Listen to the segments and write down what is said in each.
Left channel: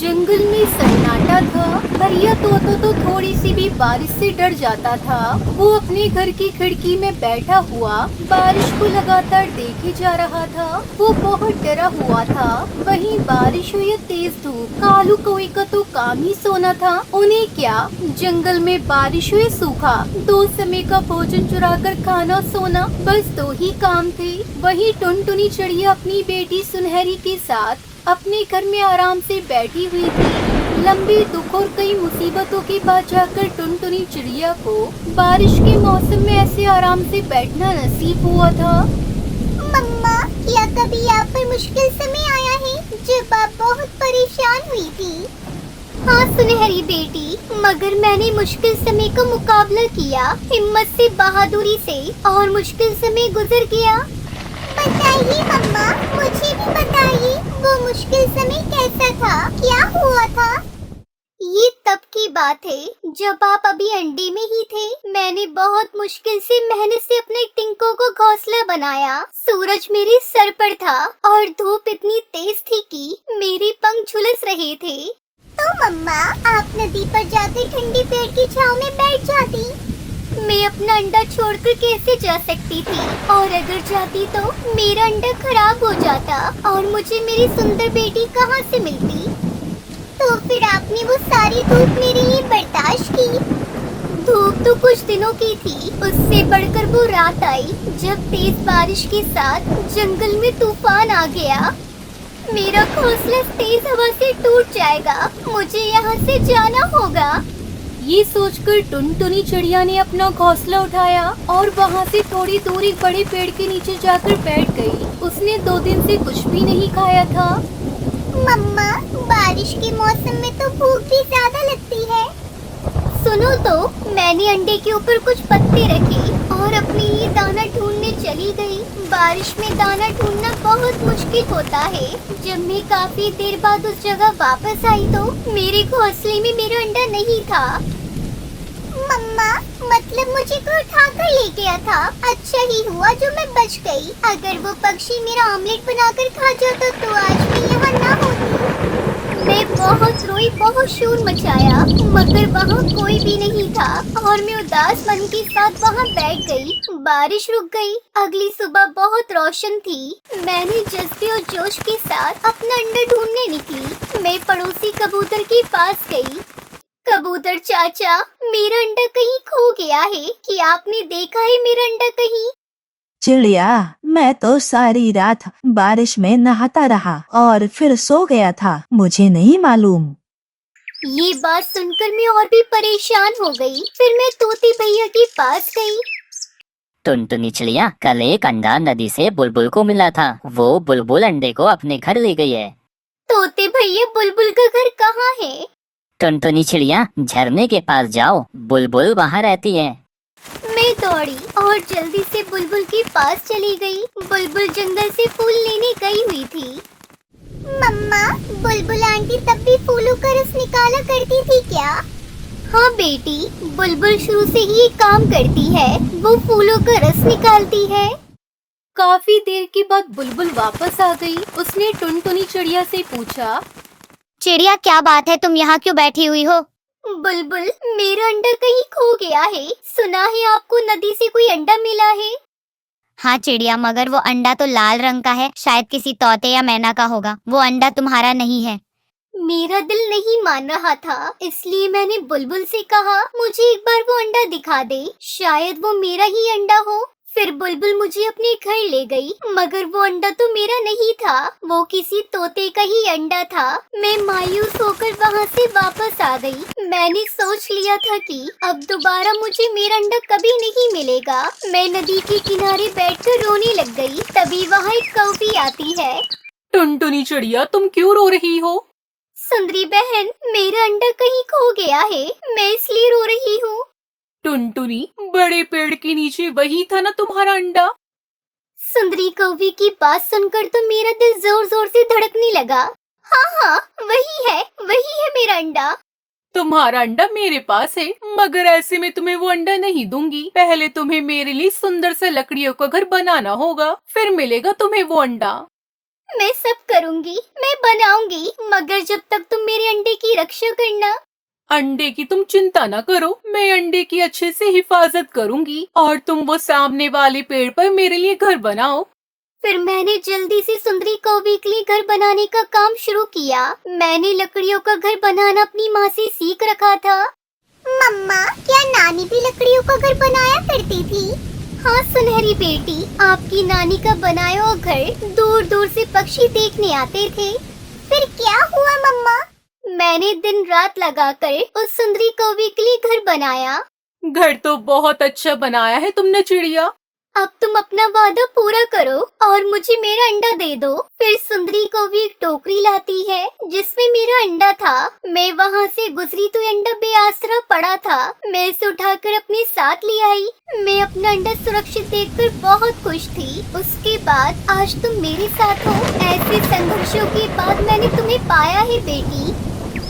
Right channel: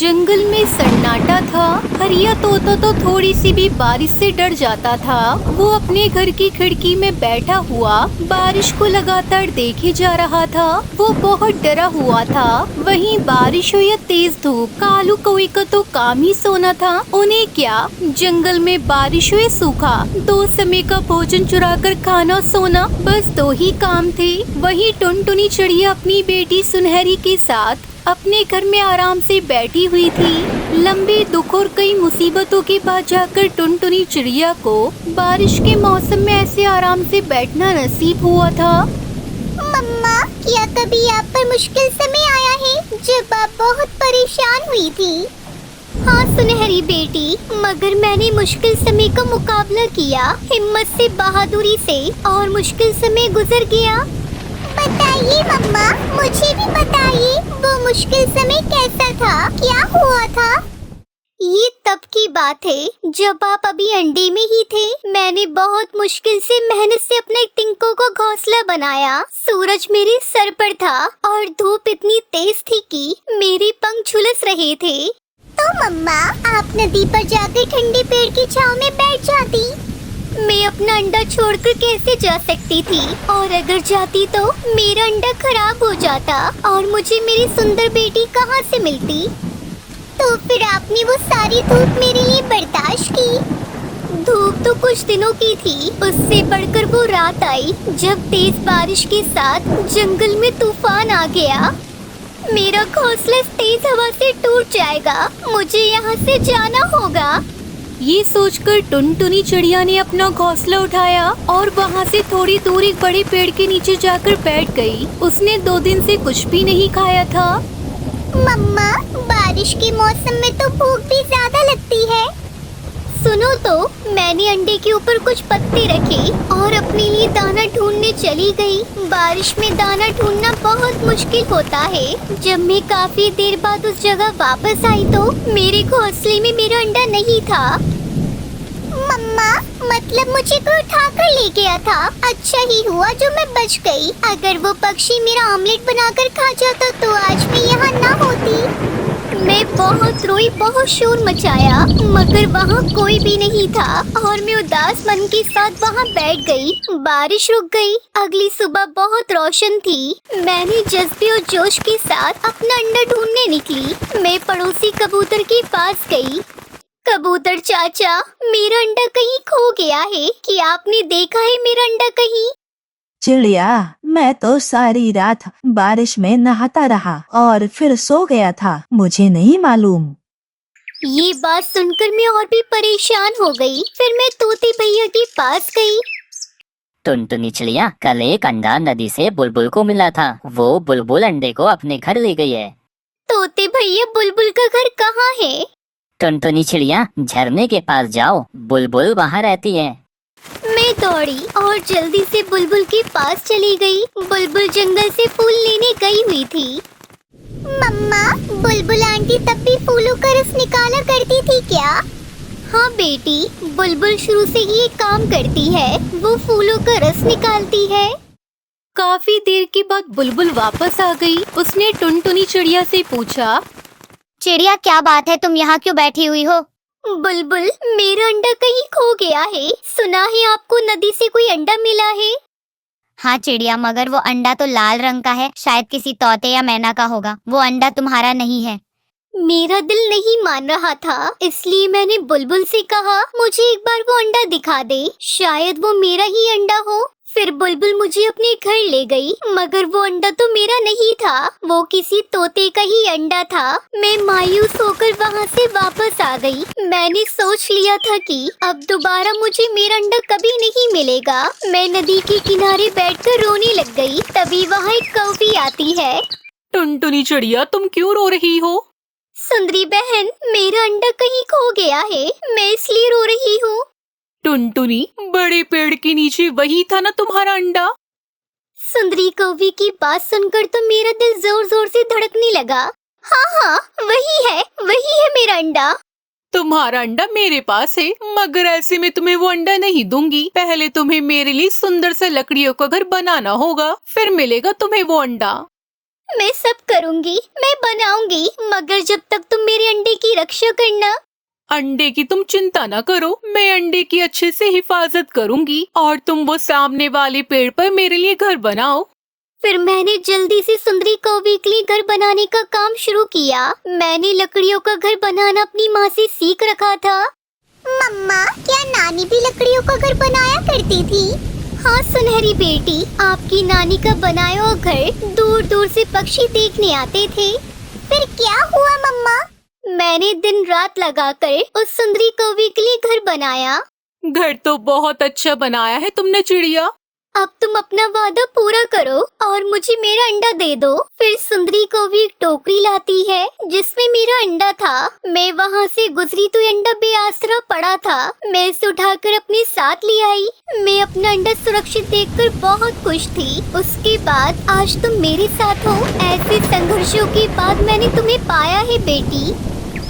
जंगल में सन्नाटा था। हरिया तोता तो थोड़ी सी भी बारिश से डर जाता था। वो अपने घर की खिड़की में बैठा हुआ बारिश को लगातार देखे जा रहा था। वो बहुत डरा हुआ था। वहीं बारिश हो या तेज धूप, कालू कौवे का तो काम ही सोना था। उन्हें क्या, जंगल में बारिश हो या सूखा, दो समय का भोजन चुरा कर खाना सोना, बस दो ही काम थे। वहीं टुनटुनी चिड़िया अपनी बेटी सुनहरी के साथ अपने घर में आराम से बैठी हुई थी। लंबे दुख और कई मुसीबतों के बाद जाकर टुनटुनी चिड़िया को बारिश के मौसम में ऐसे आराम से बैठना नसीब हुआ था। मम्मा, क्या कभी आप पर मुश्किल समय आया है जब आप बहुत परेशान हुई थी? हाँ सुनहरी बेटी, मगर मैंने मुश्किल समय का मुकाबला किया, हिम्मत से, बहादुरी से, और मुश्किल समय गुजर गया। बताइए मम्मा, मुझे भी बताइए, वो मुश्किल समय कैसा था, क्या हुआ था? ये तब की बात है जब आप अभी अंडे में ही थे। मैंने बहुत मुश्किल से, मेहनत से अपने टिंकों को घोंसला बनाया। सूरज मेरे सर पर था और धूप इतनी तेज थी कि मेरे पंख झुलस रहे थे। तो मम्मा, आप नदी पर जाकर ठंडे पेड़ की छांव में बैठ जाती। मैं अपना अंडा छोड़कर कैसे जा सकती थी, और अगर जाती तो मेरा अंडा खराब हो जाता और मुझे मेरी सुंदर बेटी कहाँ से मिलती। तो फिर आपने वो सारी धूप मेरे लिए बर्दाश्त की? धूप तो कुछ दिनों की थी, उससे बढ़कर वो रात आई जब तेज बारिश के साथ जंगल में तूफान आ गया। मेरा घोंसला इस तेज हवा से टूट जाएगा, मुझे यहाँ से जाना होगा। ये सोचकर टुनटुनी चिड़िया ने अपना घोंसला उठाया और वहाँ से थोड़ी दूर एक बड़े पेड़ के नीचे जाकर बैठ गई। उसने 2 दिन से कुछ भी नहीं खाया था। मम्मा, बारिश के मौसम में तो भूख भी ज्यादा लगती है। सुनो तो, मैंने अंडे के ऊपर कुछ पत्ते रखे और अपने लिए दाना ढूंढने चली गई। बारिश में दाना ढूंढना बहुत मुश्किल होता है। जब मैं काफी देर बाद उस जगह वापस आई तो मेरे घोंसले में मेरा अंडा नहीं था। मम्मा, मतलब मुझे कोई उठा कर ले गया था। अच्छा ही हुआ जो मैं बच गई। अगर वो पक्षी मेरा ऑमलेट बनाकर खा जाता तो आज मैं यहाँ ना होती। मैं बहुत रोई, बहुत शोर मचाया, मगर वहाँ कोई भी नहीं था और मैं उदास मन के साथ वहाँ बैठ गई। बारिश रुक गई। अगली सुबह बहुत रोशन थी। मैंने जज्बे और जोश के साथ अपना अंडा ढूंढने निकली। मैं पड़ोसी कबूतर के पास गई। कबूतर चाचा, मेरा अंडा कहीं खो गया है, क्या आपने देखा है मेरा अंडा कहीं? चिड़िया, मैं तो सारी रात बारिश में नहाता रहा और फिर सो गया था, मुझे नहीं मालूम। ये बात सुनकर मैं और भी परेशान हो गई। फिर मैं तोते भैया के पास गई। टुनटुनी चिड़िया, कल एक अंडा नदी से बुलबुल को मिला था। वो बुलबुल अंडे को अपने घर ले गई है। तोते भैया, बुलबुल का घर कहाँ है? टुनटुनी चिड़िया, झरने के पास जाओ, बुलबुल वहाँ रहती है। मैं दौड़ी और जल्दी से बुलबुल के पास चली गई। बुलबुल जंगल से फूल लेने गई हुई थी। मम्मा, बुलबुल आंटी तब भी फूलों का रस निकाला करती थी क्या? हाँ बेटी, बुलबुल शुरू से ही ये काम करती है, वो फूलों का रस निकालती है। काफी देर के बाद बुलबुल वापस आ गई। उसने टुनटुनी चिड़िया से पूछा, चिड़िया, क्या बात है, तुम यहाँ क्यों बैठी हुई हो? बुलबुल, मेरा अंडा कहीं खो गया है। सुना है आपको नदी से कोई अंडा मिला है? हाँ चिड़िया, मगर वो अंडा तो लाल रंग का है, शायद किसी तोते या मैना का होगा। वो अंडा तुम्हारा नहीं है। मेरा दिल नहीं मान रहा था, इसलिए मैंने बुलबुल से कहा, मुझे एक बार वो अंडा दिखा दे, शायद वो मेरा ही अंडा हो। फिर बुलबुल मुझे अपने घर ले गई, मगर वो अंडा तो मेरा नहीं था, वो किसी तोते का ही अंडा था। मैं मायूस होकर वहाँ से वापस आ गई। मैंने सोच लिया था कि अब दोबारा मुझे मेरा अंडा कभी नहीं मिलेगा। मैं नदी के किनारे बैठकर रोने लग गई। तभी वहाँ एक कौवी आती है। टुनटुनी चिड़िया, तुम क्यों रो रही हो? सुंदरी बहन, मेरा अंडा कहीं खो गया है, मैं इसलिए रो रही हूँ। टुनटुनी, बड़े पेड़ के नीचे वही था ना तुम्हारा अंडा? सुंदरी कौवी की बात सुनकर तो मेरा दिल जोर जोर से धड़कने लगा। हाँ हाँ, वही है मेरा अंडा। तुम्हारा अंडा मेरे पास है, मगर ऐसे में तुम्हें वो अंडा नहीं दूंगी। पहले तुम्हें मेरे लिए सुंदर से लकड़ियों का घर बनाना होगा, फिर मिलेगा तुम्हें वो अंडा। मैं सब करूँगी, मैं बनाऊंगी, मगर जब तक तुम मेरे अंडे की रक्षा करना। अंडे की तुम चिंता न करो, मैं अंडे की अच्छे से हिफाजत करूंगी और तुम वो सामने वाले पेड़ पर मेरे लिए घर बनाओ। फिर मैंने जल्दी से सुंदरी कौवी के लिए घर बनाने का काम शुरू किया। मैंने लकड़ियों का घर बनाना अपनी माँ से सीख रखा था। मम्मा, क्या नानी भी लकड़ियों का घर बनाया करती थी? हाँ सुनहरी बेटी, आपकी नानी का बनाया हुआ घर दूर दूर से पक्षी देखने आते थे। फिर क्या हुआ मम्मा? मैंने दिन रात लगाकर उस सुंदरी कौवी के लिए घर बनाया। घर तो बहुत अच्छा बनाया है तुमने चिड़िया। अब तुम अपना वादा पूरा करो और मुझे मेरा अंडा दे दो। फिर सुंदरी कौवी एक टोकरी लाती है जिसमें मेरा अंडा था। मैं वहाँ से गुजरी तो अंडा बेआसरा पड़ा था। मैं इसे उठाकर अपने साथ ले आई। मैं अपना अंडा सुरक्षित देखकर बहुत खुश थी। उसके बाद आज तुम मेरे साथ हो। ऐसे संघर्षों के बाद मैंने तुम्हें पाया है बेटी।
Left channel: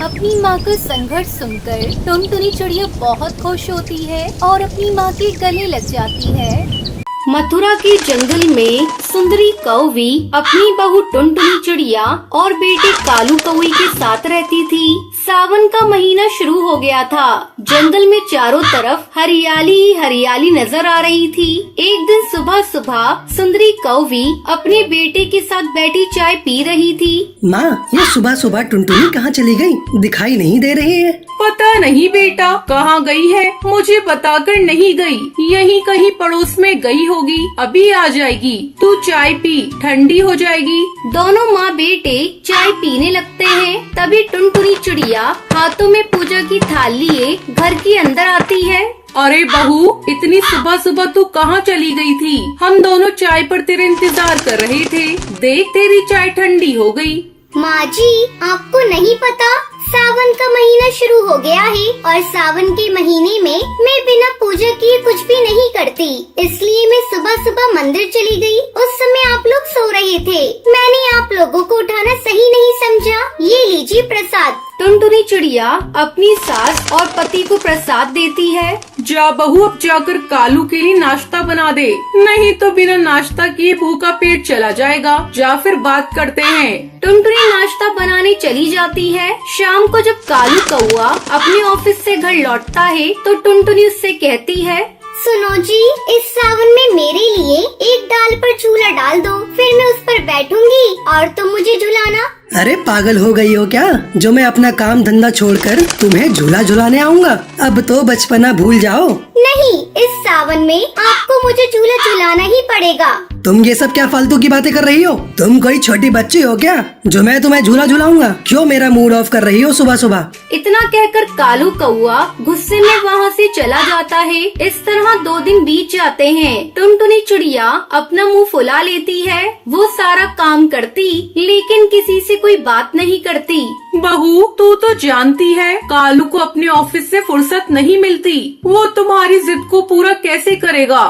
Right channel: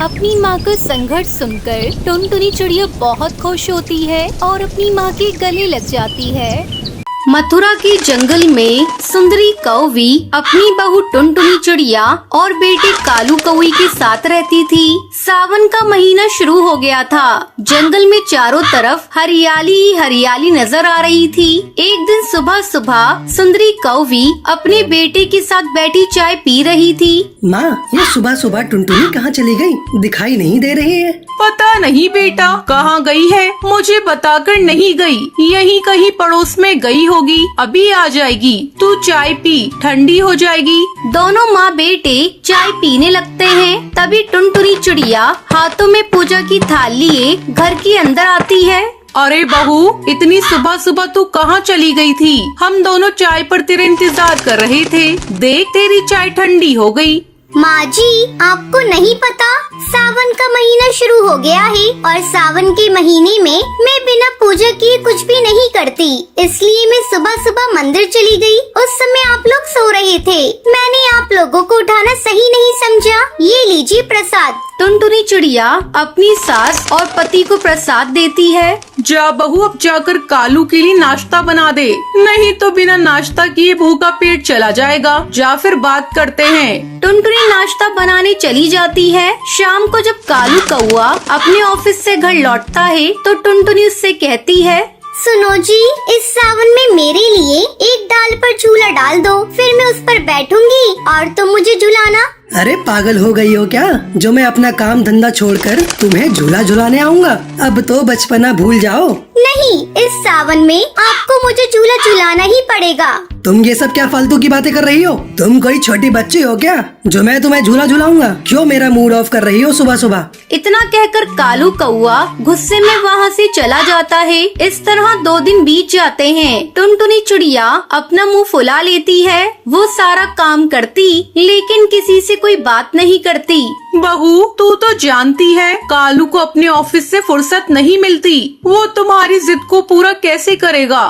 अपनी माँ का संघर्ष सुनकर टुनटुनी चिड़िया बहुत खुश होती है और अपनी माँ के गले लग जाती है। मथुरा के जंगल में सुंदरी कौवी अपनी बहू टुनटुनी चिड़िया और बेटे कालू कौवी के साथ रहती थी। सावन का महीना शुरू हो गया था। जंगल में चारों तरफ हरियाली ही हरियाली नजर आ रही थी। एक दिन सुबह सुबह सुंदरी कौवी अपने बेटे के साथ बैठी चाय पी रही थी। माँ, ये सुबह सुबह टुनटुनी कहाँ चली गई? दिखाई नहीं दे रही है। पता नहीं बेटा कहाँ गई है, मुझे बताकर नहीं गई। यहीं कहीं पड़ोस में गई होगी, अभी आ जाएगी। तू चाय पी, ठंडी हो जाएगी। दोनों माँ बेटे चाय पीने लगते हैं। तभी टुनटुनी चिड़िया हाथों में पूजा की थाल लिए घर के अंदर आती है। अरे बहू, इतनी सुबह सुबह तो कहाँ चली गई थी? हम दोनों चाय पर तेरे इंतजार कर रहे थे। देख तेरी चाय ठंडी हो गई। माँ जी, आपको नहीं पता, सावन का महीना शुरू हो गया है और सावन के महीने में मैं बिना पूजा किए कुछ भी नहीं करती। इसलिए मैं सुबह सुबह मंदिर चली गई। उस समय आप लोग सो रहे थे। मैंने आप लोगों को उठाना सही नहीं समझा। ये लीजिए प्रसाद। टुनटुनी चिड़िया अपनी सास और पति को प्रसाद देती है। जा बहू, अब जाकर कालू के लिए नाश्ता बना दे, नहीं तो बिना नाश्ता किए भूखा पेट चला जाएगा। जा फिर बात करते हैं। टुनटुनी नाश्ता बनाने चली जाती है। शाम को जब कालू कौआ अपने ऑफिस से घर लौटता है तो टुनटुनी उससे कहती है, सुनो जी, इस सावन में मेरे लिए एक डाल पर झूला डाल दो, फिर मैं उस पर बैठूंगी और तुम मुझे झुलाना। अरे पागल हो गई हो क्या, जो मैं अपना काम धंधा छोड़कर तुम्हें झूला झुलाने आऊँगा? अब तो बचपना भूल जाओ। नहीं, इस सावन में आपको मुझे झूला झुलाना ही पड़ेगा। तुम ये सब क्या फालतू की बातें कर रही हो? तुम कोई छोटी बच्ची हो क्या जो मैं तुम्हें झूला झुलाऊंगा? क्यों मेरा मूड ऑफ कर रही हो सुबह सुबह? इतना कहकर कालू कौआ गुस्से में वहाँ से चला जाता है। इस तरह 2 दिन बीत जाते हैं। टुनटुनी चिड़िया अपना मुंह फुला लेती है। वो सारा काम करती लेकिन किसी से कोई बात नहीं करती। बहू, तू तो जानती है कालू को अपने ऑफिस से फुर्सत नहीं मिलती। वो तुम्हारी जिद को पूरा कैसे करेगा?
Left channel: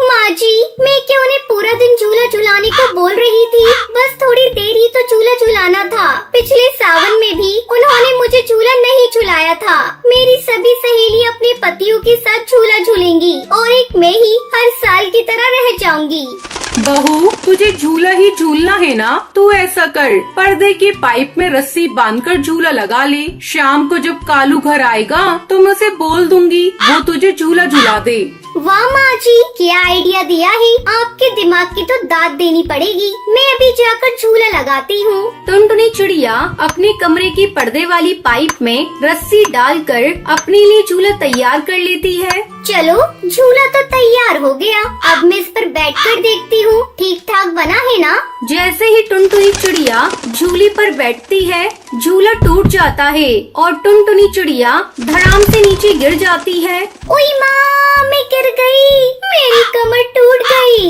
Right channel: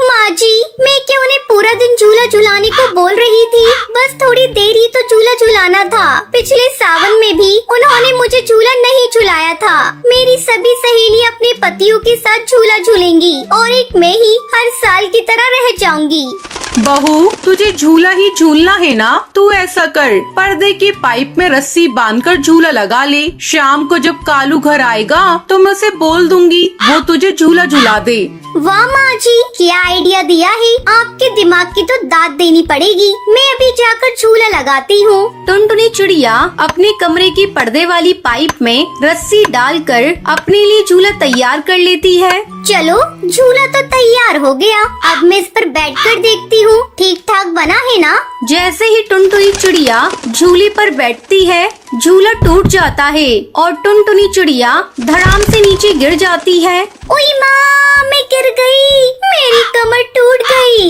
माँ जी, मैं क्यों उन्हें पूरा दिन झूला झुलाने को बोल रही थी? बस थोड़ी देर ही तो झूला झुलाना था। पिछले सावन में भी उन्होंने मुझे झूला नहीं झुलाया था। मेरी सभी सहेली अपने पतियों के साथ झूला झूलेंगी और एक मैं ही हर साल की तरह रह जाऊंगी। बहू, तुझे झूला ही झूलना है ना? तू ऐसा कर, पर्दे के पाइप में रस्सी बांधकर झूला लगा ले। शाम को जब कालू घर आएगा तो मैं उसे बोल दूंगी, वो तुझे झूला झुला दे। वाह माँ जी, क्या आइडिया दिया है। आपके दिमाग की तो दाद देनी पड़ेगी। मैं अभी जाकर झूला लगाती हूँ। टुनटुनी चिड़िया अपने कमरे की पर्दे वाली पाइप में रस्सी डालकर अपने लिए झूला तैयार कर लेती है। चलो, झूला तो तैयार हो गया। अब मैं इस पर बैठकर देखती हूँ ठीक ठाक बना है ना। जैसे ही टुनटुनी चिड़िया झूले पर बैठती है, झूला टूट जाता है और टुनटुनी चिड़िया धड़ाम से नीचे गिर जाती है। ओई माँ, मैं गिर गई। मेरी कमर टूट गई।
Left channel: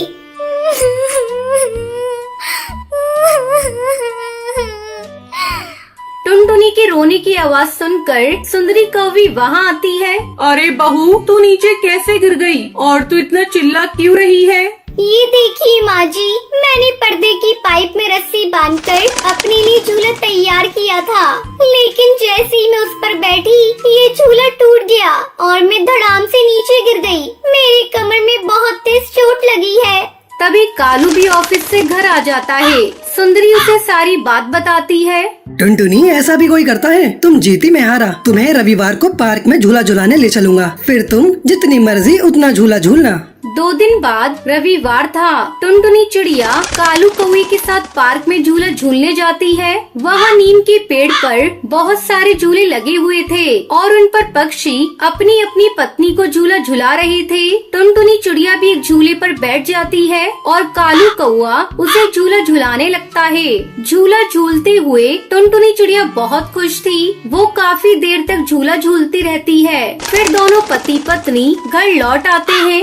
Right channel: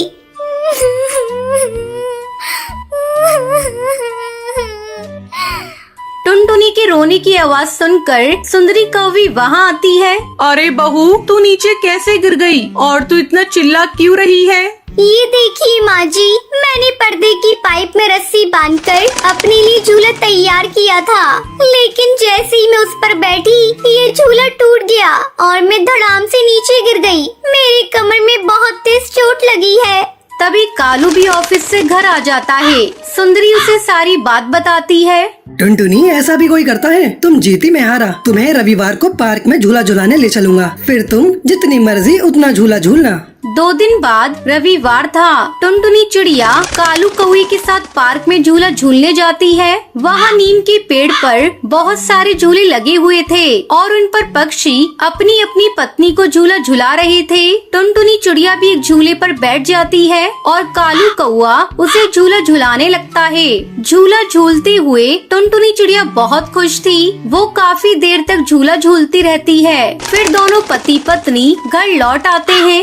टुनटुनी के रोने की आवाज सुनकर सुंदरी कौवी वहाँ आती है। अरे बहू, तू नीचे कैसे गिर गई और तू इतना चिल्ला क्यों रही है? ये देखिए माँ जी, मैंने पर्दे की पाइप में रस्सी बांधकर अपने लिए झूला तैयार किया था, लेकिन जैसे ही मैं उस पर बैठी ये झूला टूट गया और मैं धड़ाम से नीचे गिर गई। मेरी कमर में बहुत तेज चोट लगी है। तभी कालू भी ऑफिस से घर आ जाता है। सुंदरी उसे सारी बात बताती है। टुनटुनी, ऐसा भी कोई करता है? तुम जीती मैं हारा। तुम्हें रविवार को पार्क में झूला झुलाने ले चलूंगा, फिर तुम जितनी मर्जी उतना झूला झूलना। 2 दिन बाद रविवार था। टुनटुनी चिड़िया कालू कौवे के साथ पार्क में झूला झूलने जाती है। वहाँ नीम के पेड़ पर बहुत सारे झूले लगे हुए थे और उन पर पक्षी अपनी अपनी पत्नी को झूला झुला रहे थे। टुनटुनी चिड़िया भी एक झूले पर बैठ जाती है और कालू कौवा उसे झूला झुलाने लगता है। झूला झूलते हुए टुनटुनी चिड़िया बहुत खुश थी। वो काफी देर तक झूला झूलती रहती है। फिर दोनों पति पत्नी घर लौट आते हैं।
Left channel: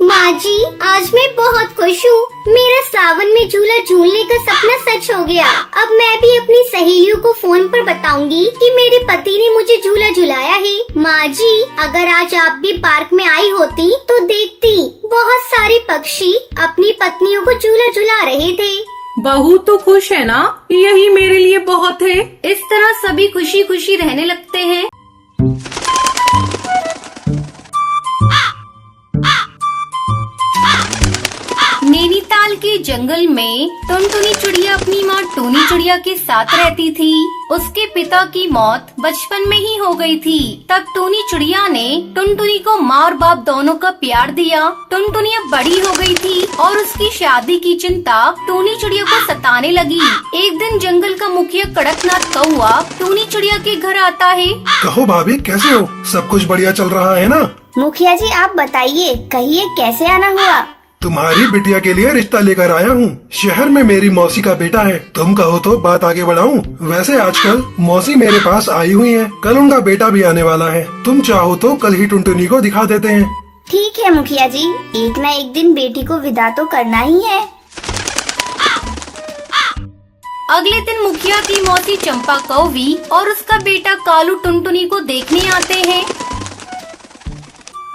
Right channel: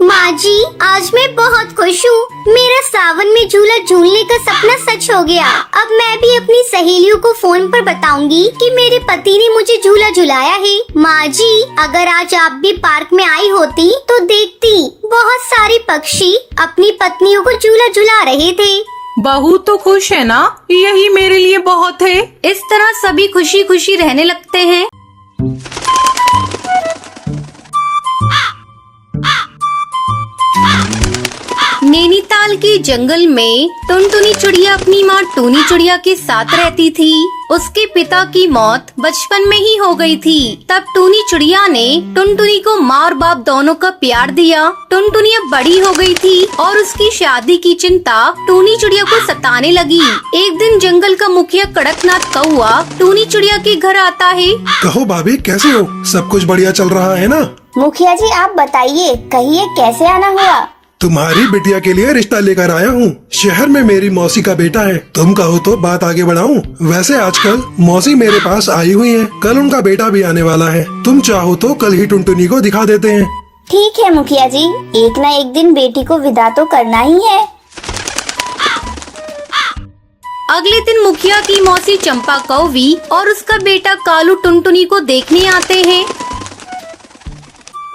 माँ जी, आज मैं बहुत खुश हूँ। मेरा सावन में झूला झूलने का सपना सच हो गया। अब मैं भी अपनी सहेलियों को फोन पर बताऊंगी कि मेरे पति ने मुझे झूला झुलाया है। माँ जी, अगर आज आप भी पार्क में आई होती तो देखती बहुत सारे पक्षी अपनी पत्नियों को झूला झुला रहे थे। बहू तो खुश है ना, यही मेरे लिए बहुत है। इस तरह सभी खुशी खुशी रहने लगते हैं। नैनीताल के जंगल में टुनटुनी चिड़िया अपनी माँ टूनी चिड़िया के साथ रहती थी। उसके पिता की मौत बचपन में ही हो गई थी। तब टूनी चिड़िया ने टुनटुनी को माँ और बाप दोनों का प्यार दिया। टुनटुनी अब बड़ी हो गई थी और उसकी शादी की चिंता टूनी चिड़िया को सताने लगी। एक दिन जंगल का मुखिया कड़कनाथ कौवा टूनी चिड़िया के घर आता है। कहो भाभी, कैसे हो? सब कुछ बढ़िया चल रहा है ना? मुखिया जी, आप बताइए, कहिए कैसे आना हुआ? तुम्हारी बिटिया के लिए रिश्ता लेकर आया हूँ। शहर में मेरी मौसी का बेटा है। तुम कहो तो बात आगे बढ़ाऊं। वैसे आजकल मौसी मेरे पास आई हुई है। कल उनका बेटा भी आने वाला है। तुम चाहो तो कल ही टुनटुनी को दिखा देते हैं। ठीक है मुखिया जी, एक न एक दिन बेटी को विदा तो करना ही है। अगले दिन मुखिया की मौसी चंपा कौवी और उसका बेटा कालू टुनटुनी को देखने आते हैं।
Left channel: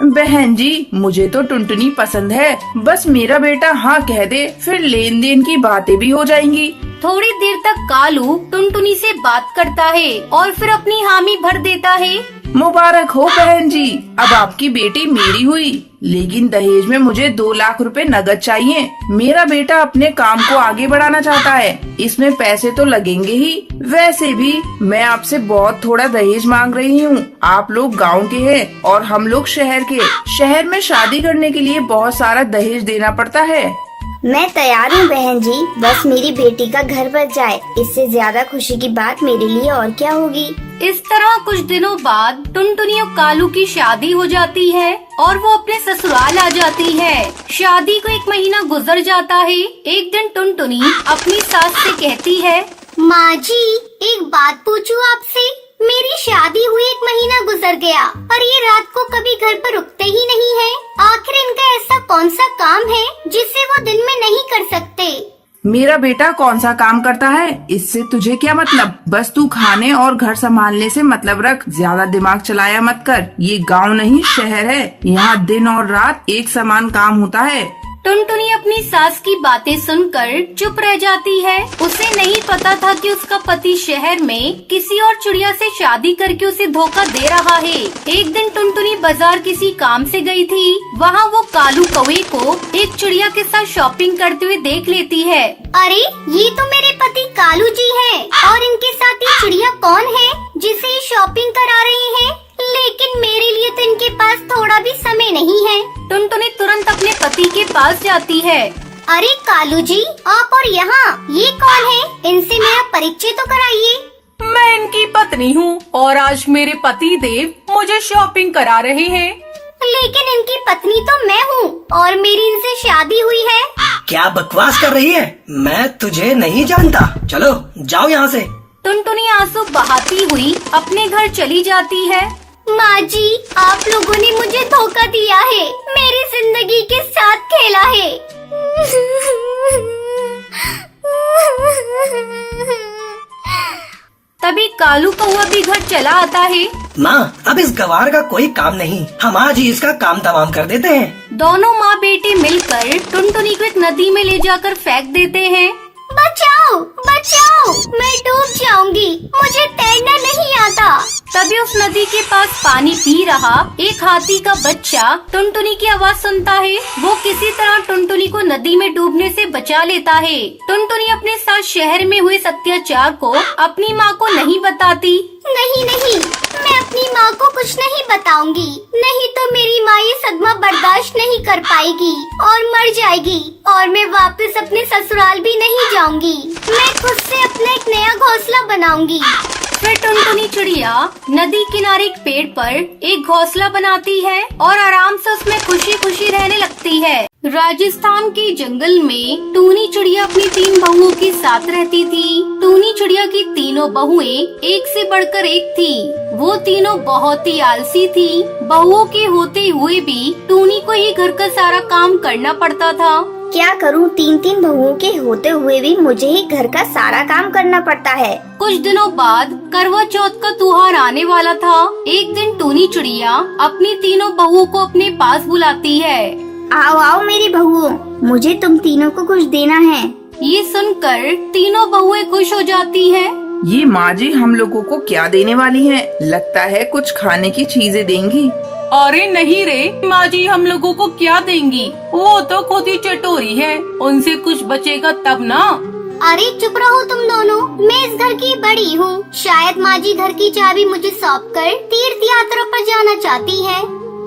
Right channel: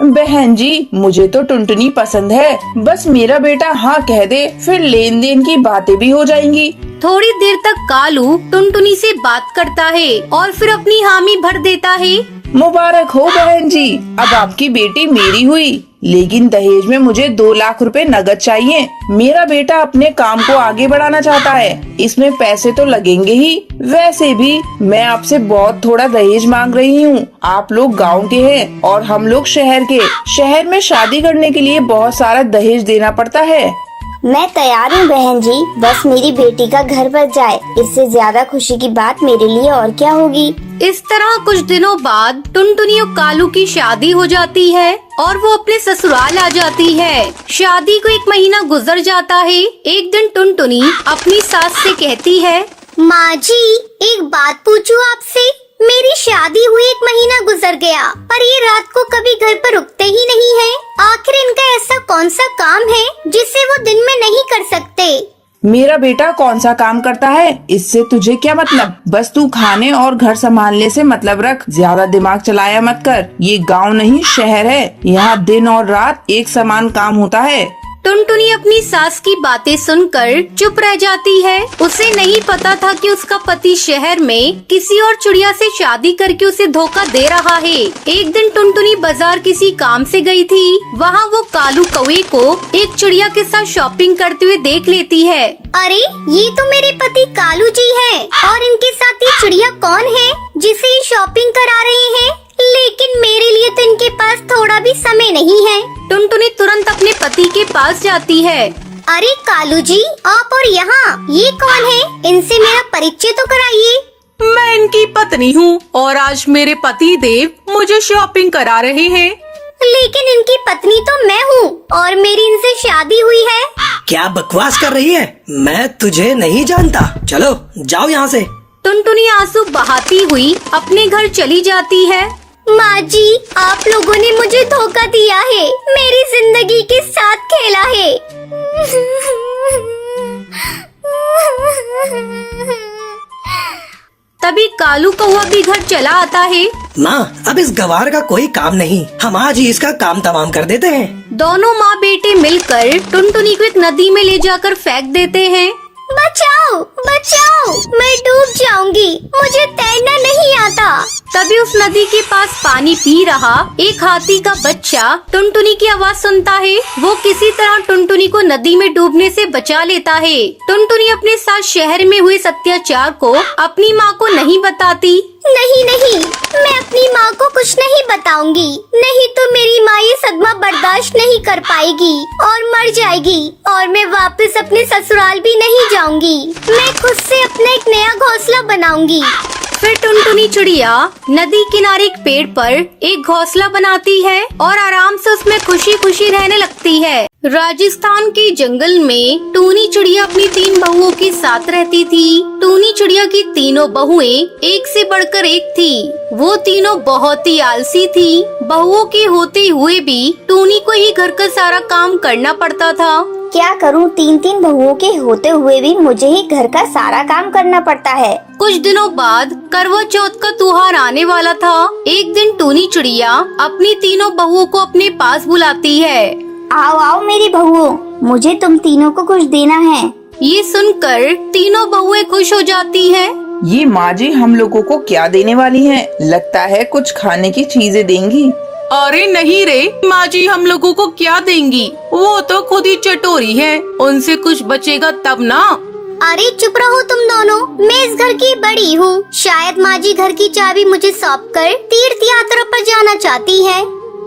बहन जी, मुझे तो टुनटुनी पसंद है। बस मेरा बेटा हाँ कह दे, फिर लेन देन की बातें भी हो जाएंगी। थोड़ी देर तक कालू टुनटुनी से बात करता है और फिर अपनी हामी भर देता है। मुबारक हो बहन जी, अब आपकी बेटी मेरी हुई। लेकिन दहेज में मुझे 2 लाख रुपए नगद चाहिए। मेरा बेटा अपने काम को आगे बढ़ाना चाहता है, इसमें पैसे तो लगेंगे ही। वैसे भी मैं आपसे बहुत थोड़ा दहेज मांग रही हूँ। आप लोग गांव के हैं और हम लोग शहर के। शहर में शादी करने के लिए बहुत सारा दहेज देना पड़ता है। मैं तैयार हूँ बहन जी, बस मेरी बेटी का घर बच जाए। इससे ज्यादा खुशी की बात मेरे लिए और क्या होगी। इस तरह कुछ दिनों बाद टुनटुनी और कालू की शादी हो जाती है और वो अपने ससुराल आ जाती है। शादी को 1 महीना गुजर जाता है। एक दिन टुनटुनी अपनी सास से कहती है, माँ जी, एक बात पूछूं आपसे? मेरी शादी हुई 1 महीना गुजर गया, पर ये रात को कभी घर पर रुकते ही नहीं है। आखिर इनका ऐसा कौन सा काम है जिसे वो दिन में नहीं कर सकते? मेरा बेटा कौन सा काम करता है, इससे तुझे क्या मतलब? बस तू खाने और घर संभालने से मतलब रख। ज्यादा दिमाग चलाया मत कर। ये गांव नहीं शहर है, यहाँ दिन और रात एक समान काम होता है। टुनटुनी अपनी सास की बातें सुनकर चुप रह जाती है। उसे नहीं पता था कि उसका पति शहर में किसी और चिड़िया से शादी करके उसे धोखा दे रहा है। एक दिन टुनटुनी बाजार किसी काम से गई थी। वहाँ वो कालू कौवे को एक चिड़िया के साथ शॉपिंग करते हुए देख लेती है। अरे, ये तो मेरे पति कालू जी है। और इनके साथ ये चिड़िया कौन है जिसे ये शॉपिंग करा रही है? लेकिन मेरे लिए तो इनके पास थोड़ा भी समय नहीं है। टुनटुनी तुरंत अपने पति के पास जाती है। अरे कालू जी, आप और यहाँ ये कौन है? इनसे मेरा परिचय तो कराइए। मैं इनकी पत्नी हूँ और आज मेरे पति देव मुझे शॉपिंग करा रहे हैं। लेकिन इनकी पत्नी तो मैं हूँ और मेरी इनसे शादी हुई है। क्या बकवास कर रही है? मैं तुझे नहीं जानता। चलो जाओ यहाँ से। टुनटुनी आंसू बहाती हुई अपने घर चली जाती है। माँ जी, आप लोगों ने मुझे धोखा दिया है, मेरी जिंदगी के साथ खेला है। तभी कालू कौवा भी घर चला आता है। माँ, अब इस गवार का कोई काम नहीं, हम आज ही इसका काम तमाम कर देते हैं। दोनों माँ बेटे मिलकर टुनटुनी को एक नदी में ले जाकर फेंक देते हैं। बचाओ, बचाओ, मैं डूब जाऊंगी, मुझे तैरना नहीं आता। तभी उस नदी के पास पानी पी रहा एक हाथी का बच्चा टुनटुनी की आवाज सुनता है। वो किसी तरह टुनटुनी को नदी में डूबने से बचा लेता है। टुनटुनी अपने साथ शहर में हुए अत्याचार को अपनी माँ को नहीं बताती। नहीं नहीं, मैं अपनी माँ को कुछ नहीं बताऊंगी, नहीं तो मेरी माँ ये सदमा बर्दाश्त नहीं कर पाएगी और मर जाएगी और मैं वापस अपने ससुराल भी नहीं जाऊंगी। मैं खुद से अपना एक नया घोंसला बनाऊंगी। फिर टुनटुनी चिड़िया नदी किनारे एक पेड़ पर एक घोंसला बनाती है और आराम से उसमें खुशी खुशी रहने लगती है। राजस्थान के जंगल में टूनी चिड़िया अपनी 3 बहुओं के साथ रहती थी। टूनी चिड़िया की तीनों बहुएं एक से बढ़कर एक थी। वो तीनों बहुत ही आलसी थी। बहुओं के होते हुए भी टूनी को ही घर का सारा काम करना पड़ता था। क्या करूं, 3 बहुओं के होते हुए भी मुझे ही घर का सारा काम करना पड़ता है। कुछ दिनों बाद करवा चौथ का त्योहार आने वाला था। एक दिन टूनी चिड़िया अपनी तीनों बहुओं को अपने पास बुलाती है। आओ आओ मेरी बहुओं, मुझे तुम तीनों को कुछ देना है। ये सुनकर तीनों बहुएं खुश हो जाती हैं। ये माँ जी हम लोगों को क्या देने वाली है? लगता है कुछ खाने की चीजें देंगी। अरे नहीं रे, माँ जी हम लोगों को क्या देंगी? वो तो खुद ही चटोरी है, उनसे कुछ बचेगा तब ना। अरे चुप रहो तुम दोनों, मैं इस घर की बड़ी हूँ। शायद माँ जी घर की चाबी मुझे सौंप कर तीर्थ यात्रा पर जाना चाहती है।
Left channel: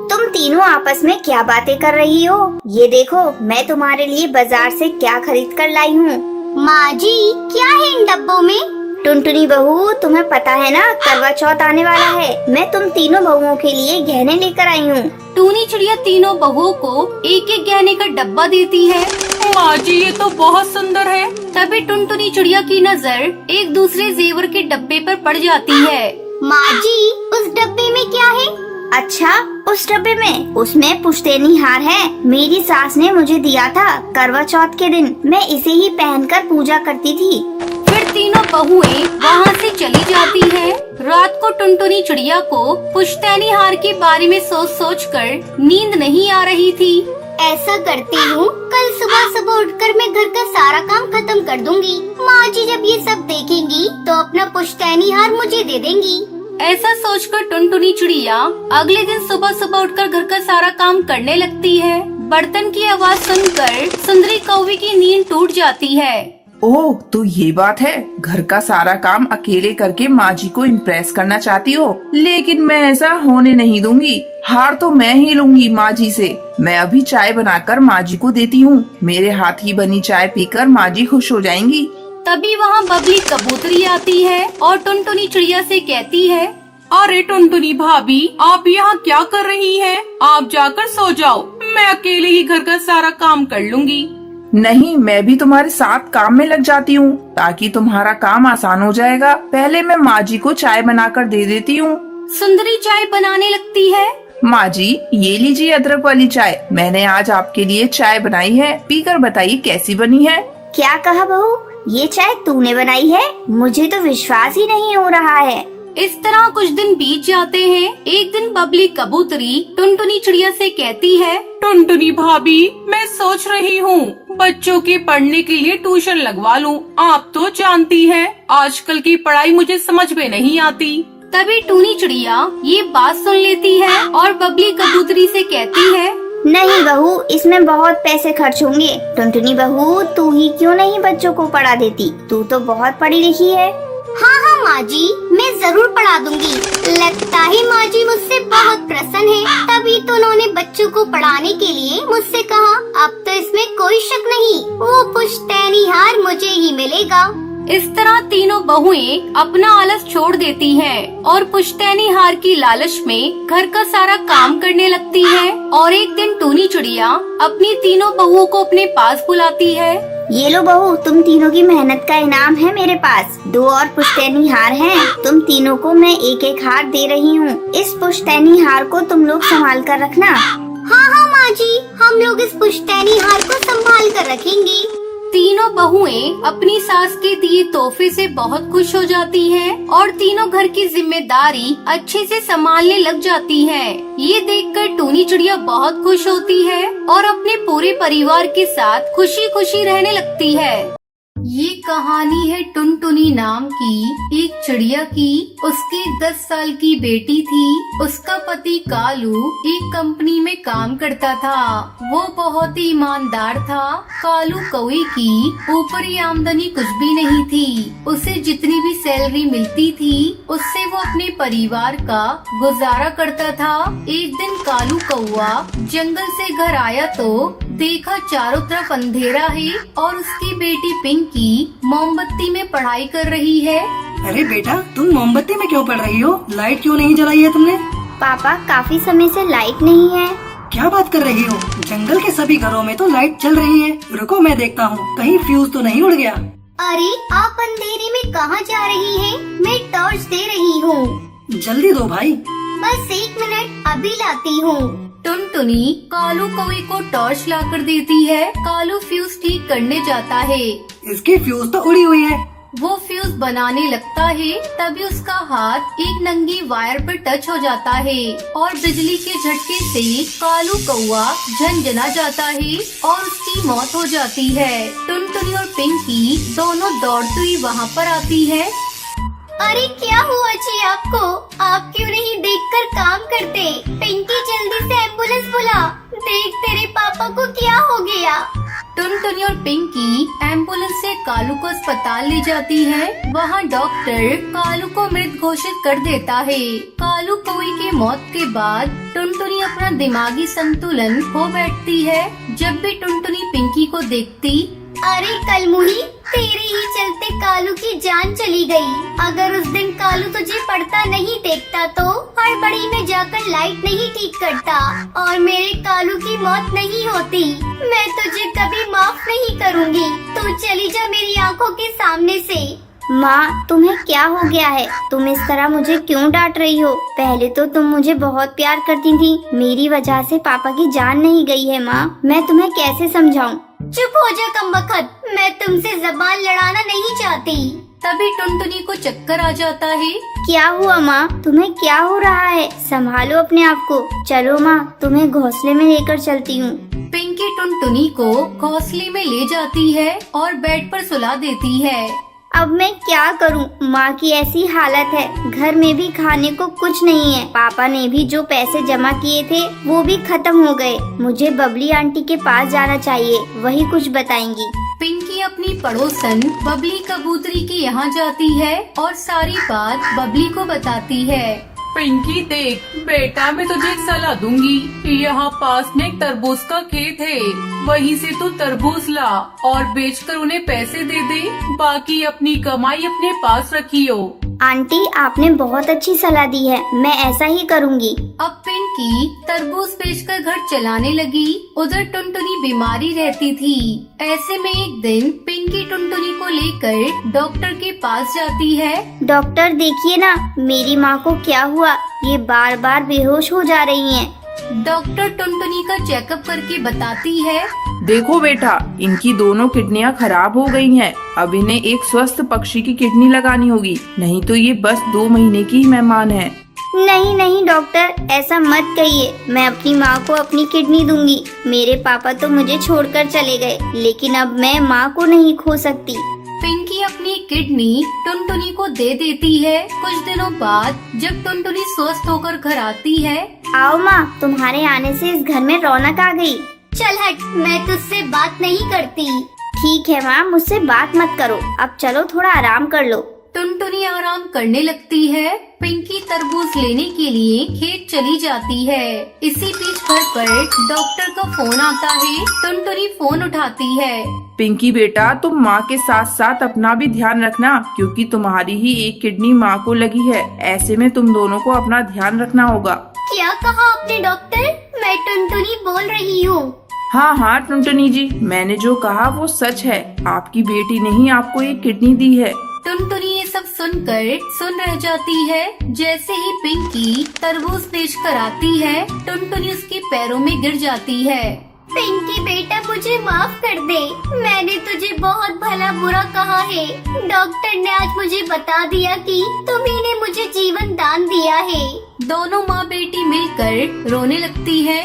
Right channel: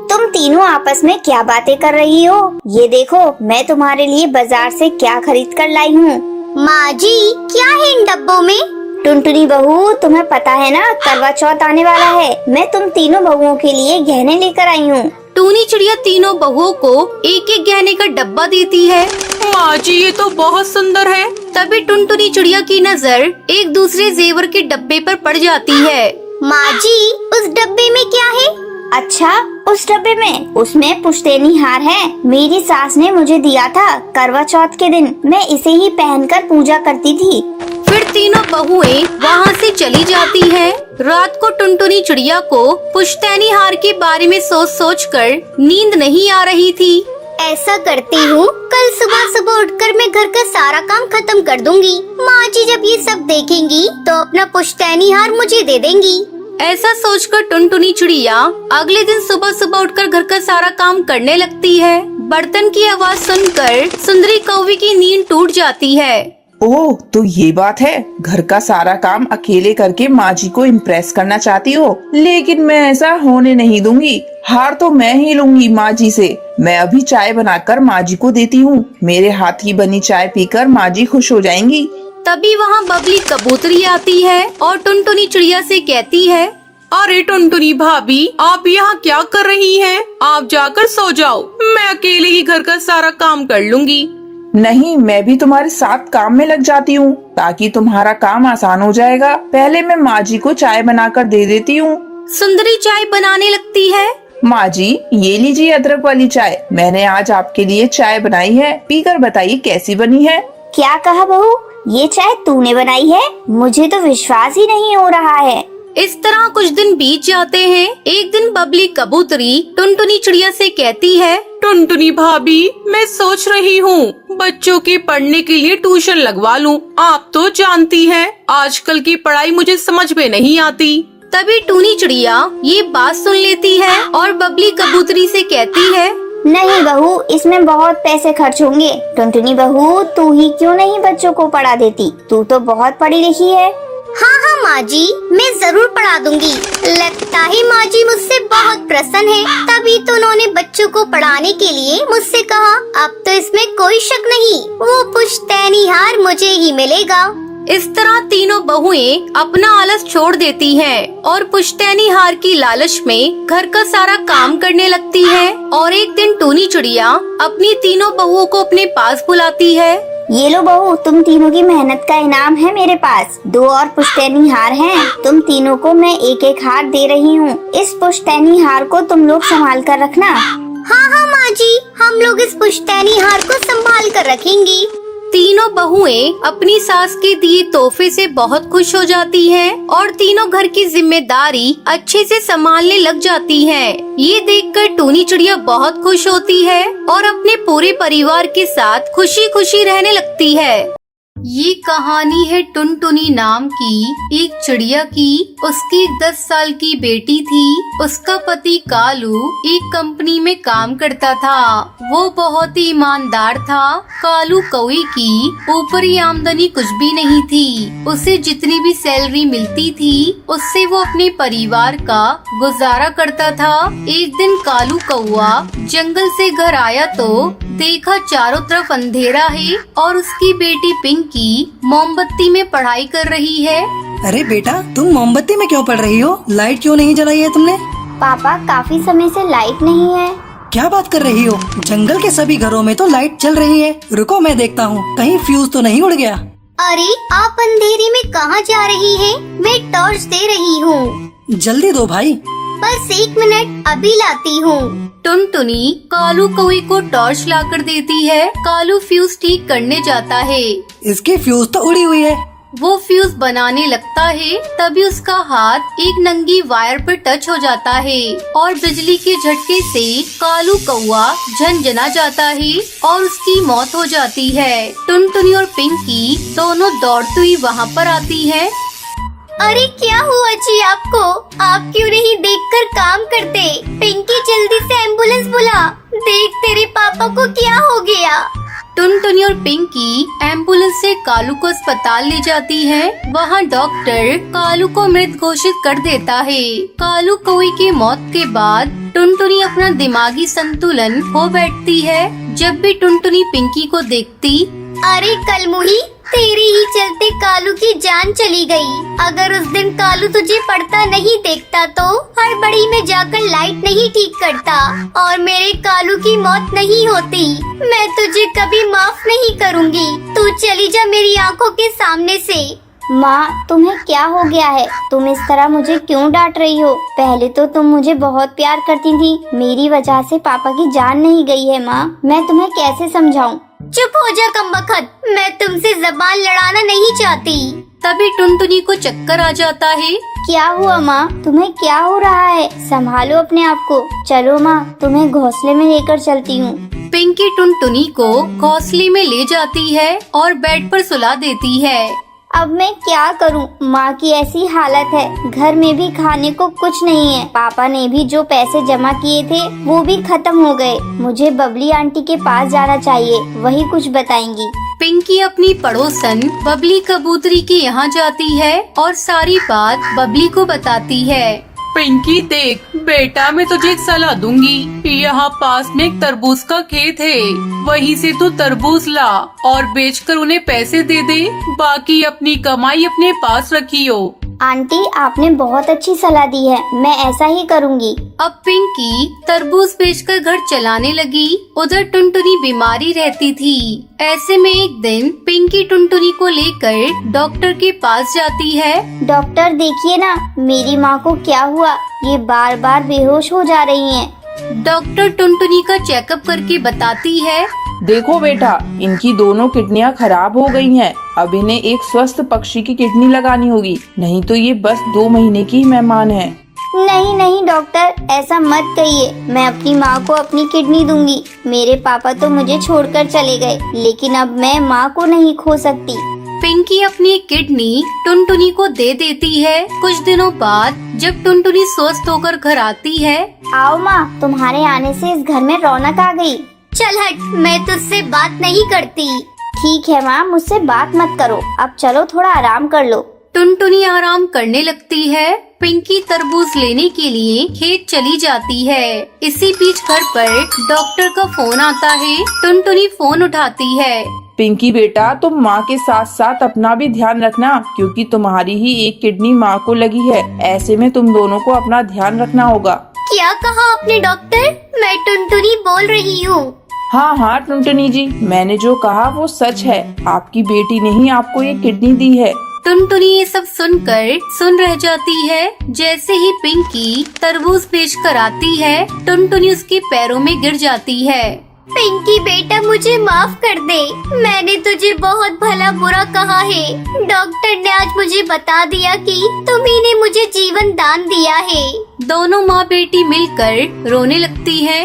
तुम तीनों आपस में क्या बातें कर रही हो? ये देखो मैं तुम्हारे लिए बाजार से क्या खरीद कर लाई हूँ। माँ जी क्या है इन डब्बों में? टुनटुनी बहू तुम्हें पता है ना करवा चौथ आने वाला है। मैं तुम तीनों बहुओं के लिए गहने लेकर आई हूँ। टूनी चिड़िया तीनों बहुओं को एक एक गहने का डब्बा देती है। माँ जी ये तो बहुत सुंदर है। तभी टुनटुनी चिड़िया की नजर एक दूसरे जेवर के डब्बे पर पड़ जाती है। माँ जी उस डब्बे में क्या है? अच्छा उस डब्बे में, उसमें पुश्तैनी हार है। मेरी सास ने मुझे दिया था करवा चौथ के दिन। मैं इसे ही पहनकर पूजा करती थी। फिर तीनों बहुएं वहाँ से चली जाती हैं। रात को टुनटुनी चिड़िया को पुश्तैनी हार के बारे में सोच सोच कर नींद नहीं आ रही थी। ऐसा करती हूँ, कल सुबह सुबह उठकर मैं घर का सारा काम खत्म कर दूंगी। माँ जी जब ये सब देखेंगी तो अपना पुश्तैनी हार मुझे दे देंगी। ऐसा सोचकर टुनटुनी चिड़िया अगले दिन सुबह सुबह उठकर घर का सारा काम करने लगती है। बर्तन की आवाज सुनकर सुंदरी कौवे की नींद टूट जाती है। ओह तो ये बात है, घर का सारा काम अकेले करके माँ जी को इम्प्रेस करना चाहती हो, लेकिन मैं ऐसा होने नहीं दूंगी। हार तो मैं ही लूंगी माँ जी से। मैं अभी चाय बनाकर माँ जी को देती हूँ। मेरे हाथ की बनी चाय पीकर माँ जी खुश हो जाएंगी। तभी वहाँ बबली कबूतरी आती है और टुनटुनी चिड़िया से कहती है, अरे टुनटुनी भाभी आप यहाँ क्या कर रही हैं? आप जाकर सो जाओ, मैं अकेले ही घर का सारा काम कर लूंगी। नहीं, मैं भी तुम्हारे साथ काम में लग जाती हूँ ताकि तुम्हारा काम आसान हो जाएगा। पहले मैं माँ जी को चाय बनाकर दे देती हूँ। सुंदरी चाय बनाने लगती है। माँ जी ये लीजिए अदरक वाली चाय। मैंने आज आपके लिए चाय बनाई है, पीकर बताइए कैसी बनी है। क्या कहा बहू, ये चाय तूने बनाई है? मुझे तो विश्वास ही नहीं हो रहा है। इस तरह कुछ दिन बीत जाते हैं। एक दिन बबली कबूतरी टुनटुनी चिड़िया से कहती है, टुनटुनी भाभी मैं सोच रही हूँ बच्चों के पढ़ने के लिए ट्यूशन लगवा लूँ। आप तो जानती है आजकल की पढ़ाई मुझे समझ में नहीं आती। तभी टूनी चिड़िया ये बात सुन लेती है और बबली कबूतरी से कहती है, नहीं बहू, इसमें बहुत पैसे खर्च होंगे। टुनटुनी बहू तू ही क्यों नहीं बच्चों को पढ़ा देती? तू तो बहुत पढ़ी लिखी है। हाँ हाँ माँ जी, मैं जरूर पढ़ा दूंगी। लगता है माँ जी मुझसे बहुत प्रसन्न है, तभी तो उन्होंने बच्चों को पढ़ाने के लिए मुझसे कहा। अब तो इसमें कोई शक नहीं, वो पुश्तैनी हार मुझे ही मिलेगा। इस तरह तीनों बहुएं अपना आलस छोड़ देती हैं और पुश्तैनी हार की लालच में घर का सारा काम करने लगती है। और एक दिन टूनी चिड़िया अपनी तीनों बहुओं को अपने पास बुलाती है। ये लो बहू, तुम तीनों की मेहनत का इनाम है मेरे पास। 2 और पुश्तैनी हार हैं। तुम तीनों को मैं एक एक हार दे रही हूँ। इस पुश्तैनी हार को तुम लोग संभाल कर रखना। हाँ हाँ माँ जी, हम लोग इस पुश्तैनी हार को संभाल कर रखेंगी। तीनों बहुएं अपनी सास के दिए तोहफे से बहुत खुश हो जाती हैं और तीनों घर की जिम्मेदारी अच्छे से संभालने लग जाती हैं। ये देखकर टूनी चिड़िया बहुत खुश होती है और अपने पूरे परिवार के साथ खुशी खुशी रहने लगती है। ये कहानी है टुनटुनी नाम की एक चिड़िया की। उसकी 10 साल की बेटी थी। उसका पति कालू एक कंपनी में काम करता था। वो बहुत ही ईमानदार था। कालू कौवे की ऊपरी आमदनी कुछ भी नहीं थी। उसे जितनी भी सैलरी मिलती थी उससे वो अपने परिवार का गुजारा करता था। एक दिन कालू कौवा जंगल से घर आया तो देखा चारों तरफ अंधेरा है और उसकी बेटी पिंकी मोमबत्ती में पढ़ाई कर रही है। अरे बेटा, तुम मोमबत्ती में क्यों पढ़ रही हो? लाइट क्यों नहीं जलाई है तुमने? पापा काफी समय से लाइट नहीं है। क्या बात कर रही हो? जंगल के सभी घरों में तो लाइट चल रही है। रुको मैं देखता हूँ, कहीं फ्यूज तो नहीं उड़ गया। अरे आप अंधेरे में कहाँ जा रही हैं? मैं टॉर्च दे रही हूँ। जल्दी दो भाई। बस 1 मिनट, अभी लाती हूँ। टुनटुनी कालू कौवे को टॉर्च लाकर देती है। कालू फ्यूज ठीक करने जाता है। इसकी फ्यूज तो उड़ी हुई है। वो फ्यूज बनाने लगता है तभी उसका हाथ एक नंगी वायर पर टच हो जाता है और बिजली के झटके से कालू कौवा झनझना जाता है और उसकी मौत हो जाती है। टुनटुनी और पिंकी दोनों दौड़ती हुई वहाँ पर आती है। अरे क्या हुआ जी आपको? आप क्यों नहीं देखकर काम करते? पिंकी जल्दी से एम्बुलेंस बुला। देख तेरे पापा को क्या हो गया। टुनटुनी और पिंकी एम्बुलेंस से कालू को अस्पताल ले जाती है। वहाँ डॉक्टर कालू को मृत घोषित कर देता है। कालू कौवे की मौत के बाद टुनटुनी अपना दिमागी संतुलन खो बैठती है। जब भी टुनटुनी पिंकी को देखती, अरे कलमुही, तेरे ही चलते कालू की जान चली गई। अगर उस दिन कालू तुझे पढ़ता नहीं देखता तो हड़बड़ी में जाकर लाइट नहीं ठीक करता और मेरे कालू की मौत नहीं होती। मैं तुझे कभी माफ नहीं करूँगी। तू चली जा मेरी आंखों के सामने से। माँ, तुम्हें क्या हो गया है? तुम इस तरह मुझे क्यों डांट रही हो? पहले तो तुम मुझे बहुत प्यार करती थी। मेरी वजह से पापा की जान नहीं गई है माँ। मैं तुम्हें कैसे समझाऊं? चुप हो जा कमबख्त, मैं तुमसे ज़बान लड़ाना नहीं चाहती। तभी टुनटुनी को चक्कर आ जाता है। क्या हुआ माँ? तुम्हें क्या हो रहा है? संभालो अपने आप को। चलो माँ, तुम्हें घोंसले में लेकर चलती हूँ। पिंकी टुनटुनी को घोंसले में ले जाती है और बेड पर सुला देती है। अब मैं क्या करूं? माँ की ऐसी हालत है। घर में भी खाने को कुछ नहीं है। पापा ने भी जो पैसे जमा किए थे वो भी खत्म हो गए। मुझे बबली आंटी के पास जाना चाहिए, वही कुछ बताएंगी। पिंकी अपनी पड़ोसन बबली कबूतरी के यहाँ जाती है और सारी बात बबली को बताती है। पिंकी देख बेटा, मैं तुझे एक सलाह दूंगी। यहाँ पास में एक तरबूज का खेत है, वहीं से तू तरबूज ला और बेचकर उन्हें पैसे दे दे। बाकी अपनी कमाई अपने पास रखियो। आंटी, आपने बहुत अच्छी सलाह दी है, मैं ऐसा ही करूँगी। अब पिंकी तरबूज बेचकर घर चलाने लगी। उधर टुनटुनी बीमारी रहती थी। ऐसे में एक दिन पिंकी टुनटुनी को लेकर डॉक्टर के पास जाती है। डॉक्टर देखिए ना, मेरी माँ को क्या हुआ? ये बार बार बेहोश हो जा रही हैं। डॉक्टर टुनटुनी का चेकअप करके बताती है। देखो बेटा, इनकी दोनों किडनियां खराब हो गई हैं। अब इन्हें एक स्वस्थ पक्षी की किडनी लगानी होगी, नहीं तो ये बस 2 महीने की मेहमान है। नहीं नहीं डॉक्टर, ऐसा मत कहिए। मैं अपनी माँ को अपनी किडनी दूंगी। मेरे पापा तो मुझे छोड़कर चले गए, लेकिन अब मैं माँ को नहीं खो सकती। पिंकी अपनी किडनी टुनटुनी को दे देती है। कुछ दिनों बाद जब टुनटुनी स्वस्थ होकर घर आती है। आओ माँ, तुम्हारे आने से इस घर में रौनक आ गई। चल हट, मैं तुझसे बात नहीं करती। ठीक है माँ, मुझसे बात मत करो। अब चलो थोड़ा आराम कर लो। टुनटुनी आराम करने लगती है। पिंकी तरबूज लेने के लिए खेत चली जाती है। इसी बीच घर पर डॉक्टर का फोन आता है। टुनटुनी फोन उठाती है। पिंकी बेटा, तुम माँ के साथ साथ अपना भी ध्यान रखना, क्योंकि तुम्हारी ही एक किडनी माँ को लगी है। ऐसे में तुम दोनों को अपना ध्यान रखना होगा। क्या कहा आपने डॉक्टर? मैं टुनटुनी बोल रही हूँ। हाँ टुनटुनी जी, मैंने जो कहा वो सच है। आपकी बेटी ने ही आपको ये किडनी दी है। टुनटुनी ये सब सुनकर सुन रह जाती है। जैसे ही पिंकी तरबूज बेचकर आती है, टुनटुनी उसके पैरों में गिर जाती है। पिंकी बेटा, मुझे माफ कर दे। मैंने तुझे बहुत भला बुरा कहा है। डॉक्टर ने आज मुझे बता दिया कि तुम्ही ने मुझे जीवन दान दिया है। दोनों माँ बेटी मिलकर रोने लगती है।